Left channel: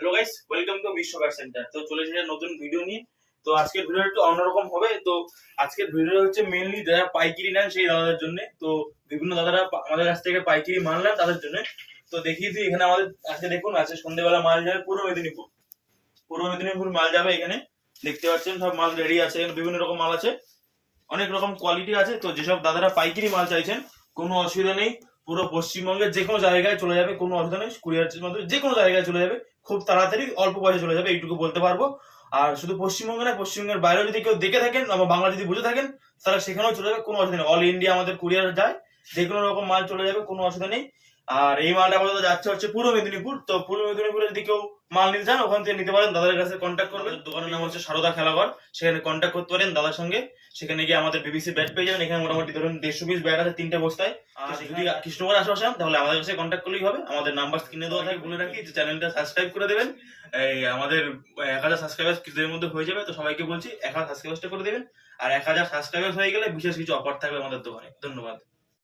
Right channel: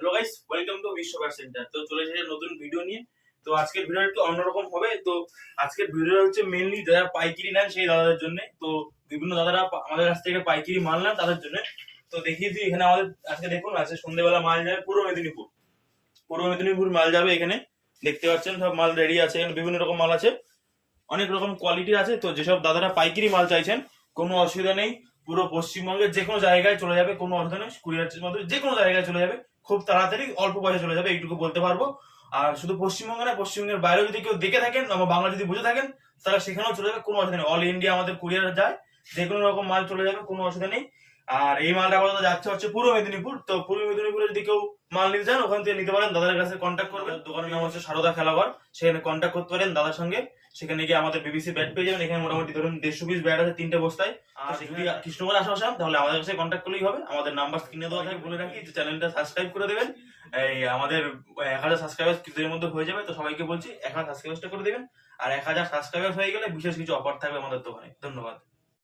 Hello guys, welcome to বিশ্ব bat centre. তো চলে এসেছে নতুন ভিডিও নিয়ে। তো আজকের ভিডিওটা একটু অন্যরকম হবে। তো আজকের ভিডিওটা হচ্ছে মেইনলি যারা পাইকারি নেন সেই দাদাদের জন্য। তো বিভিন্ন দাদারা আমাদের কাছ থেকে পাইকারি মাল নেন তাদের জন্য। তো দেখিয়েছি এখানে আমাদের আজকে দেখুন আছে সন্ধ্যেবেলা মাল যাবে পূর্ব মেদিনীপুর মাল যাবে এখানে। দেখতে পাচ্ছেন সব মাল রেডি আছে, এখানে বিভিন্ন রকম মাল আছে, অনেক রকম কোয়ালিটি আছে। তো যেসব দাদারা পাইকারি মাল চাইছেন কোনো অসুবিধা নেই, পুরো পশ্চিমবঙ্গের যে কোনো জায়গায় চলে যাবে, কোনো অসুবিধা নেই। কুরিয়ারের মাধ্যমে যে কোনো জায়গায় চলে যাবে, খুব তাড়াতাড়ি অল্প পয়সা চলে যাবে, এইটুকু বলতে পারবো। আর শুধু পশ্চিমবঙ্গে না, পশ্চিমবঙ্গের বাইরে যদি কেউ দেখে থাকেন আমার বাংলা যদি বুঝে থাকেন তারা সেখানেও চলে যাবে, কোনো অসুবিধা নেই। অল ইন্ডিয়া আমাদের কুরিয়ার যায়, যে কোনো রকম মাল চলে যাবে, কোনো অসুবিধা নেই। আর এই মালটা আপাতত যাচ্ছে হচ্ছে পূর্ব মেদিনীপুর। তো পূর্ব মেদিনীপুরে যদি কেউ মাল নিতে চান ওখান থেকে নিতে পারেন, দাদার কাছে কন্ট্যাক্ট করবেন। দোকানের নাম হচ্ছে সারদা খেলাঘর, সেখানে কন্ট্যাক্ট করতে পারেন দাদার সঙ্গে। সেখানে গিয়ে আমাদের বিবিসি ব্যাট পেয়ে যাবেন। এখানে মোটামুটি ধরুন 150 পিস ব্যাট আছে 3টে বস্তায়। আর যদি কৃষ্ণগড় আশেপাশে হন তাহলে আমাদের কাছে কন্ট্যাক্ট করলেই হবে। আমাদের নাম্বার স্ক্রিনে দেওয়া থাকে। বলে রাখি যে চ্যানেলটা সাবস্ক্রাইব করে দেবেন। এই আমাদের 1000 সাবস্ক্রাইবার কিছুদিনের মধ্যে হয়ে যাবে। তো সবাইকে বলছি 1000 সাবস্ক্রাইবারটা করে দেবেন। আর 1000 সাবস্ক্রাইবার হয়ে গেলে বিশেষ কিছু অফার থাকবে আমাদের দোকানে। ধন্যবাদ।